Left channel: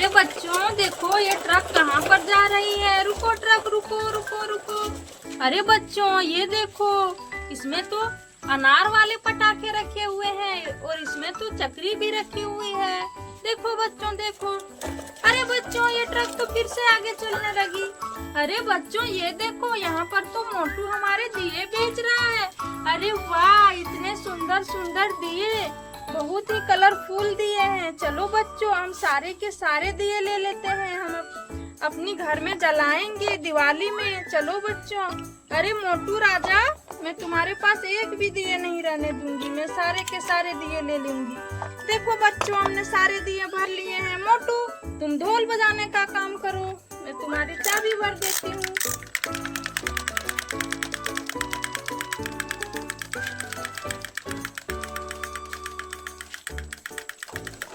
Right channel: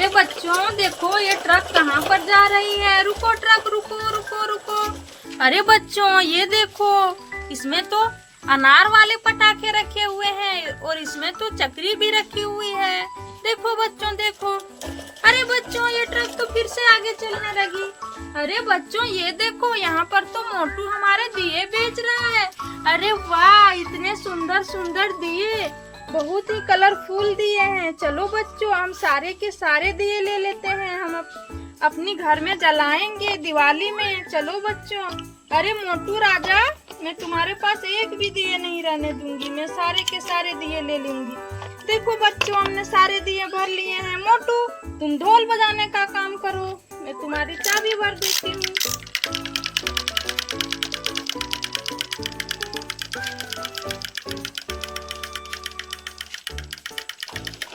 अरे बच्चों देखो ये ट्रक कहाँ पर जा रही है। रुको ट्रक, रुको रुको रुको। अरे बच्चों ये देखो, इसमें तो अनार वाले पटाखे रखे हुए हैं और इसमें तो चक्री भी रखी हुई है। देखो बच्चों देखो। अरे बच्चों ये ट्रक तो फिर से आगे चलने लगी। अरे बच्चों ये देखो, यहाँ पर तो मोटू हमारे दिए बेच रहा है। अरे वाह, इतने सुंदर सुंदर दिए, बहुत ही कलरफुल दिए हैं। चलो बच्चों हम सारे के सारे दिए ले लेते हैं, हम अपनी घर में जलाएंगे दिवाली में। चलो बच्चों। अरे मोटू राजा, मैं तुम्हारे पास एक भी दिए नहीं रहने दूंगी, मैं सारे के सारे दिए ले लूंगी। देखो बच्चों हमने सारे दिए भर लिए हैं। मोटू तुम ढोल बजाने का काम करो, मैं तुम्हारी चाबी भर देती हूँ।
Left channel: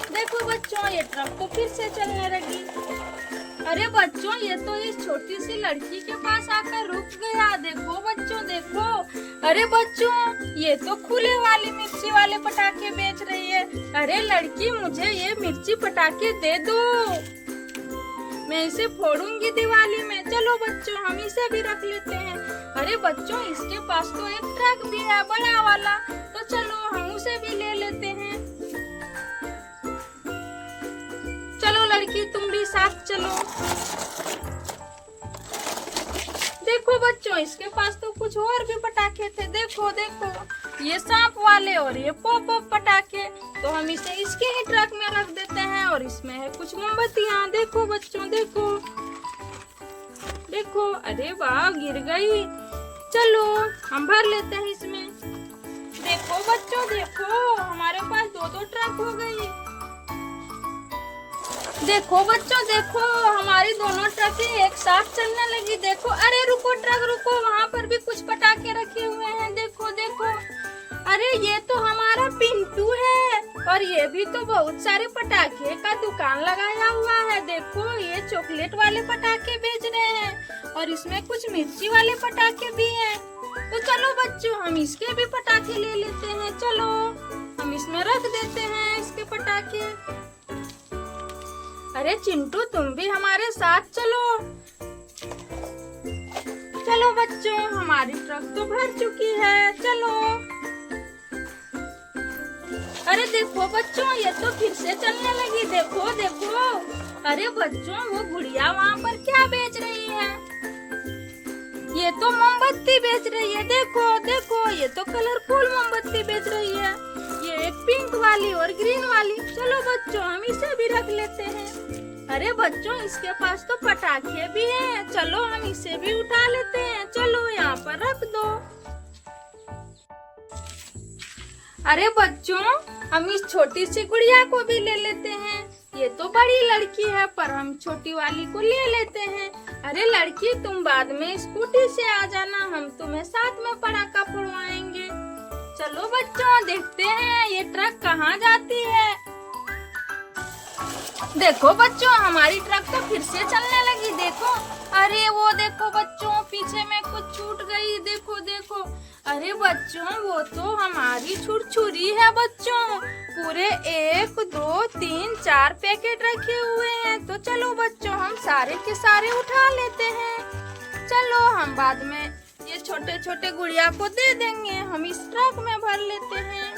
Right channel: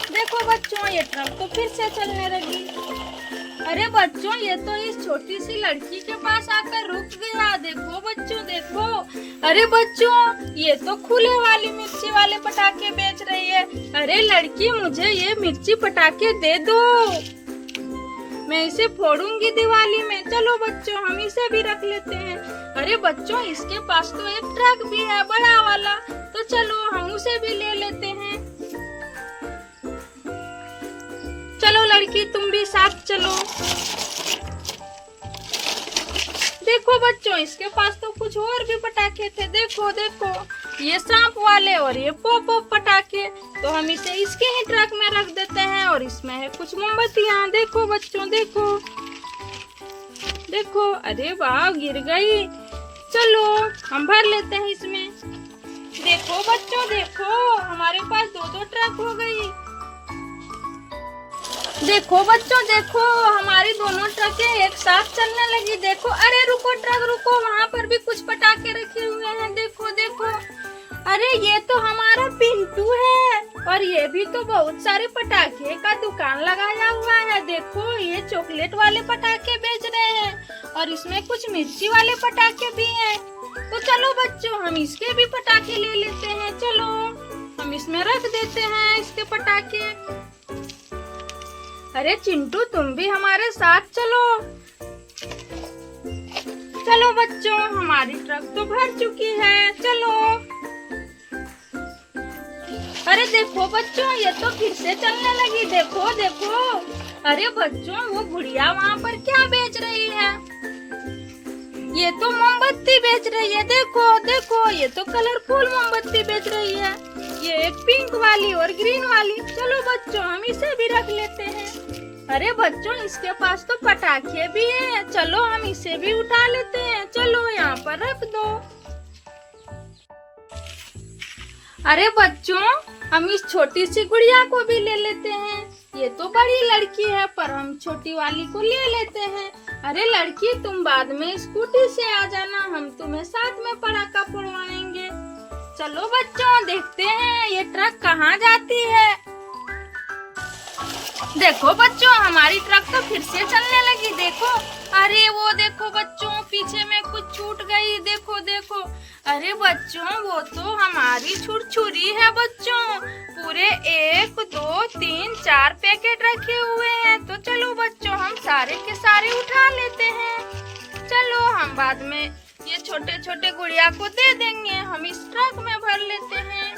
देखो बच्चों ये ट्रक तो फिर से चलने लगी। अरे बच्चों ये तो इस छोटी सी लड़की के पास आकर रुक गया। देखो बच्चों देखो। अरे बच्चों ये तो खुले वाली मिर्ची वाले पटाखे बेच रही है। अरे लड़की मुझे ये मिर्ची पटाखे दे दो, मैं इसे फोड़ूंगी दिवाली में। चलो बच्चों हम इसे भी रख लेते हैं। अरे बच्चों इसके पास तो एक ट्रक भी है बड़ा वाला, तो चलो हम उसे भी ले लेते हैं। चलो लड़की तुम भी साथ चलो। देखो बच्चों इसके पास तो कुछ और भी पटाखे थे। देखो देखो ये सांप वाले और ये पॉप पटाखे। तो हम इसे इसके ही ट्रक में रख देते हैं और इसमें है कुछ मोमबत्तियां। देखो बच्चों देखो देखो। अरे वाह गिर गई। चलो हम भर लेते हैं इसमें। देखो बच्चों देखो, हमारे पास दो दो ट्रक हो गई। देखो बच्चों देखो, हमारी दोनों ट्रकें एक साथ चलने लगी। देखो अरे रुको ट्रक रुको, वहाँ पर भी कुछ पटाखे रखे हुए हैं। देखो देखो। अरे ये तो हमारा पिंटू है और ये भी तो बहुत सारे पटाखे का दुकान लगाया हुआ है। देखो ये चॉकलेट वाले पटाखे बेच रहे हैं और इसमें कुछ मिर्ची वाले पटाखे भी हैं। तो चलो बच्चों हम इसके भी पटाखे ले लेते हैं। चलो हम इसमें रख देते हैं इसके पटाखे। अरे चिंटू तुम भी हमारे साथ चलो। चलो बच्चों हमारी ट्रक तो भर चुकी है। चलो। अरे देखो बच्चों ये तो फिर से चलने लगी। देखो देखो। अरे बच्चों वो गुड़िया वहाँ पर क्या बेच रही है? ये तो मोमबत्ती बेच रही है। देखो देखो ये तो कलरफुल मोमबत्ती बेच रही है। ये एक पिंक वाली और ग्रीन वाली। चलो बच्चों हम इसे भी रख लेते हैं। अरे बच्चों इसके पास तो पटाखे भी हैं। चलो हम इसे भी उठा लेते हैं। चलो यहाँ पर रख दो। अरे बच्चों हम इस छोटी सी गुड़िया को भी ले लेते हैं। ये तो बड़ी लड़की है पर हम छोटी वाली को ले लेते हैं। अरे लड़की तुम बाद में स्कूटी से आ जाना, हम तुम्हें साथ में पटाखा फोड़वाएंगे। चलो बच्चों देखते हैं ये ट्रक कहाँ जाती है। देखो बच्चों हमारी ट्रक तो फिर से चलने लगी। देखो अरे वो देखो बच्चों पीछे में कुछ छूट गई। देखो देखो। अरे बच्चों वो तो हमारी छुरछुरी है बच्चों। पूरे 1 2 3 4 पैकेट रखे हुए हैं। तो चलो बच्चों हम सारे के सारे उठा लेते हैं। चलो हम बाद में ये छोटे छोटे गुड़िया को दे देंगे, हम इस ट्रक में भर लेते हैं।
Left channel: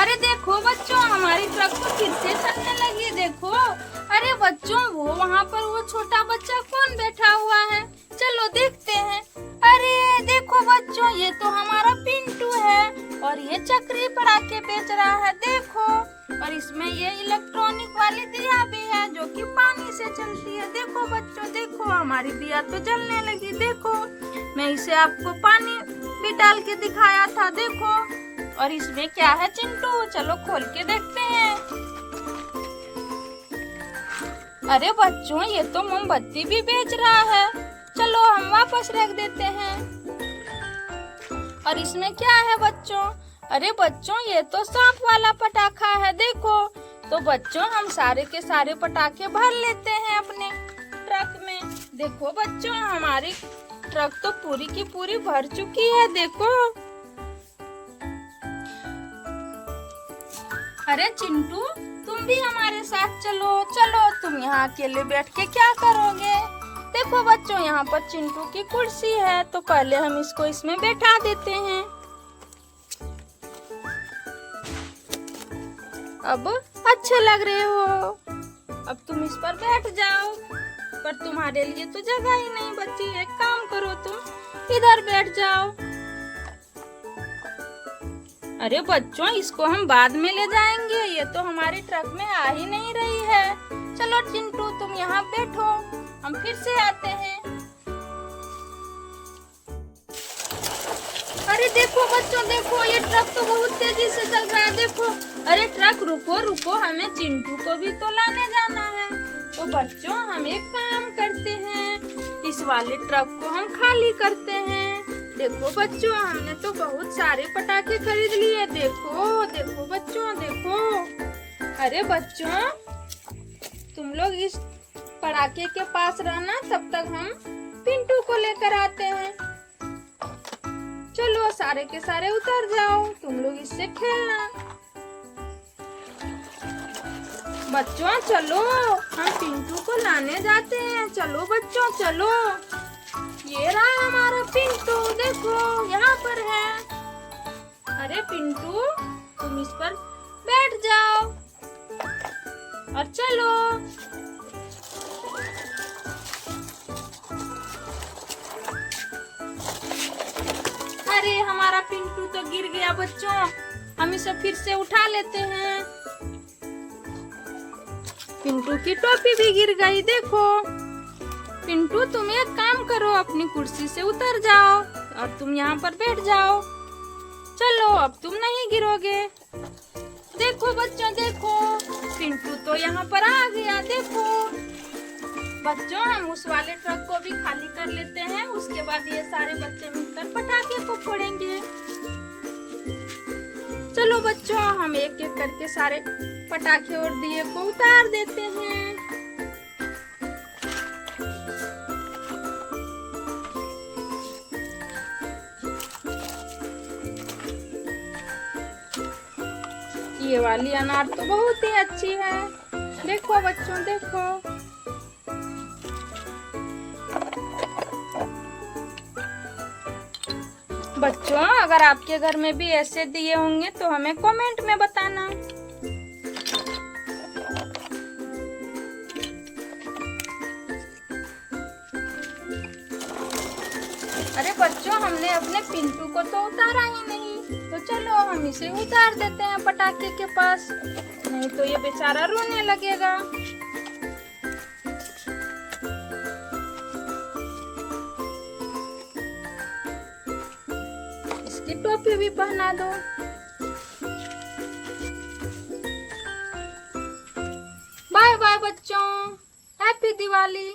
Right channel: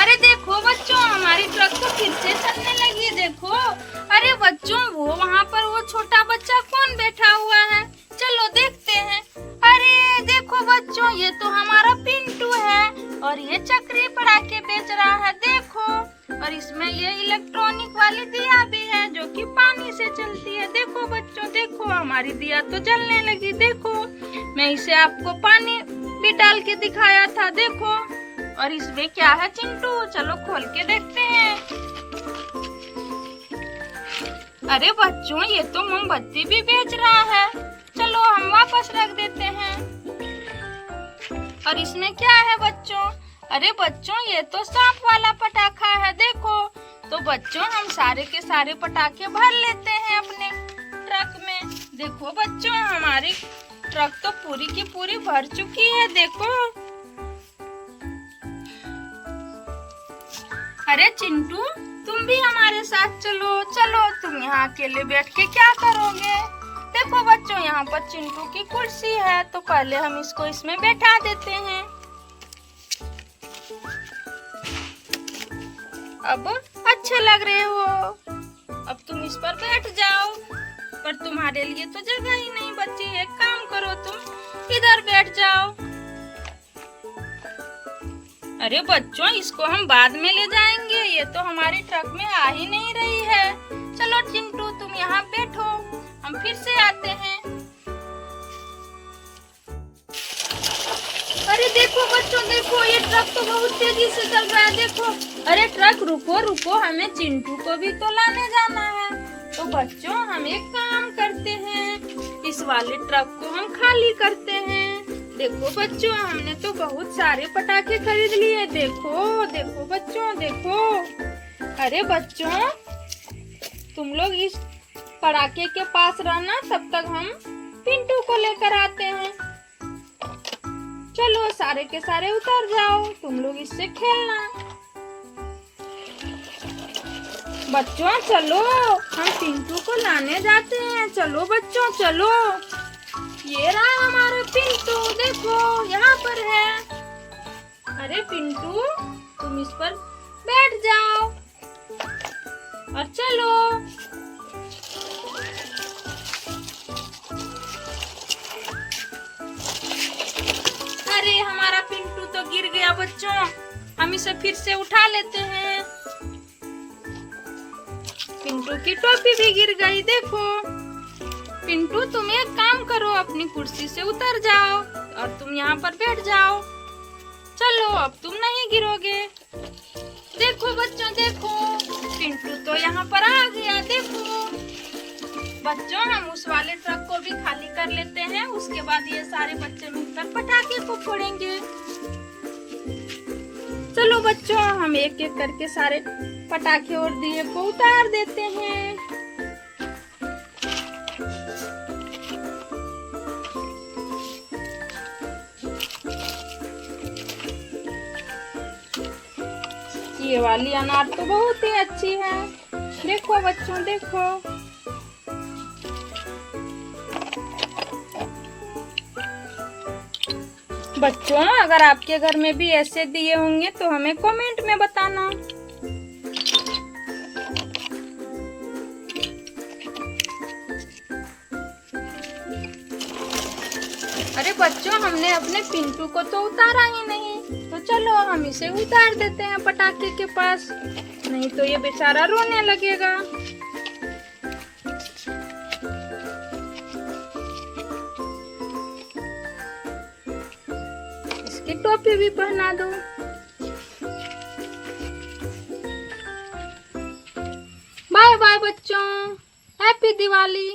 अरे देखो बच्चों हमारी ट्रक तो फिर से चलने लगी। देखो अरे बच्चों वो वहाँ पर वो छोटा बच्चा कौन बैठा हुआ है? चलो देखते हैं। अरे देखो बच्चों ये तो हमारा पिंटू है और ये चक्री पटाखे बेच रहा है। देखो और इसमें ये इलेक्ट्रॉनिक वाली दिया भी है जो कि पानी से चलती है। देखो बच्चों देखो हमारी दिया तो जलने लगी। देखो मैं इसे आपको पानी भी डाल के दिखाया था। देखो और इसमें क्या है चिंटू? चलो खोल के देखते हैं। अरे बच्चों ये तो मोमबत्ती भी बेच रहा है। चलो हम वापस रख देते हैं। और इसमें क्या है बच्चों? अरे बच्चों ये तो सांप वाला पटाखा है। देखो तो बच्चों हम सारे के सारे पटाखे भर लेते हैं अपने ट्रक में। देखो बच्चों हमारी ट्रक तो पूरी की पूरी भर चुकी है। देखो अरे चिंटू तुम भी हमारे साथ चलो। चलो, तुम यहाँ अकेले बैठ के क्या करोगे? देखो बच्चों, यहाँ पर चिंटू की कुर्सी है, तो पहले हम इसको इसमें बैठा देते हैं। अब अच्छे लग रहे हो, अब तुम इस पर बैठ जाओ। पर तुम्हारे लिए तो जगह ही नहीं बची। एक काम करो, तुम इधर बैठ जाओ। अरे बच्चों, इसको हम बाद में ले जाएंगे, ये तो हमारे ट्रक में आ ही नहीं रही है। चलो चिंटू, तुम यहाँ बैठो, हम फिर से आते हैं। अरे देखो बच्चों, देखो ये ट्रक तो बहुत तेजी से चल रहा है, देखो। अरे ट्रक रुको रुको, हमें चिंटू को भी तो लाने जाना है। तो बच्चों, हम एक काम करते हैं, इस वाले ट्रक को हम खाली करते हैं। देखो बच्चों, हमने तो बहुत सारे पटाखे खरीद लिए। देखो देखो बच्चों, देखो। अरे बच्चों, तुम लोग इस पटाखे के पास रहना, तब तक हम पिंटू को लेकर आते हैं। चलो, सारे के सारे उतर जाओ, तुम लोग इससे खेलना। बच्चों चलो, हम पिंटू को लाने जाते हैं। चलो बच्चों चलो, ये रहा हमारा पिंटू, देखो यहाँ पर है। अरे पिंटू, तुम इस पर बैठ जाओ और चलो। अरे हमारा पिंटू तो गिर गया बच्चों, हम इसे फिर से उठा लेते हैं। पिंटू की टोपी भी गिर गई, देखो। पिंटू, तुम एक काम करो, अपनी कुर्सी से उतर जाओ और तुम यहाँ पर बैठ जाओ। चलो, अब तुम नहीं गिरोगे। देखो बच्चों, देखो पिंटू तो यहाँ पर आ गया, देखो। बच्चों, हम उस वाले ट्रक को भी खाली कर लेते हैं, उसके बाद ये सारे बच्चे मिलकर पटाखे को फोड़ेंगे। चलो बच्चों, हम एक एक करके सारे पटाखे और दिए को उतार देते हैं। ये वाली अनार तो बहुत ही अच्छी है, देखो बच्चों, देखो। बच्चों, अगर आपके घर में भी ऐसे दिए होंगे तो हमें कमेंट में बताना। अरे बच्चों, हमने अपने पिंटू को तो उतारा ही नहीं, तो चलो हम इसे उतार देते हैं पटाखे के पास, नहीं तो ये बेचारा रोने लगेगा। इसकी टोपी भी पहना दो। बाय बाय बच्चों, हैप्पी दिवाली।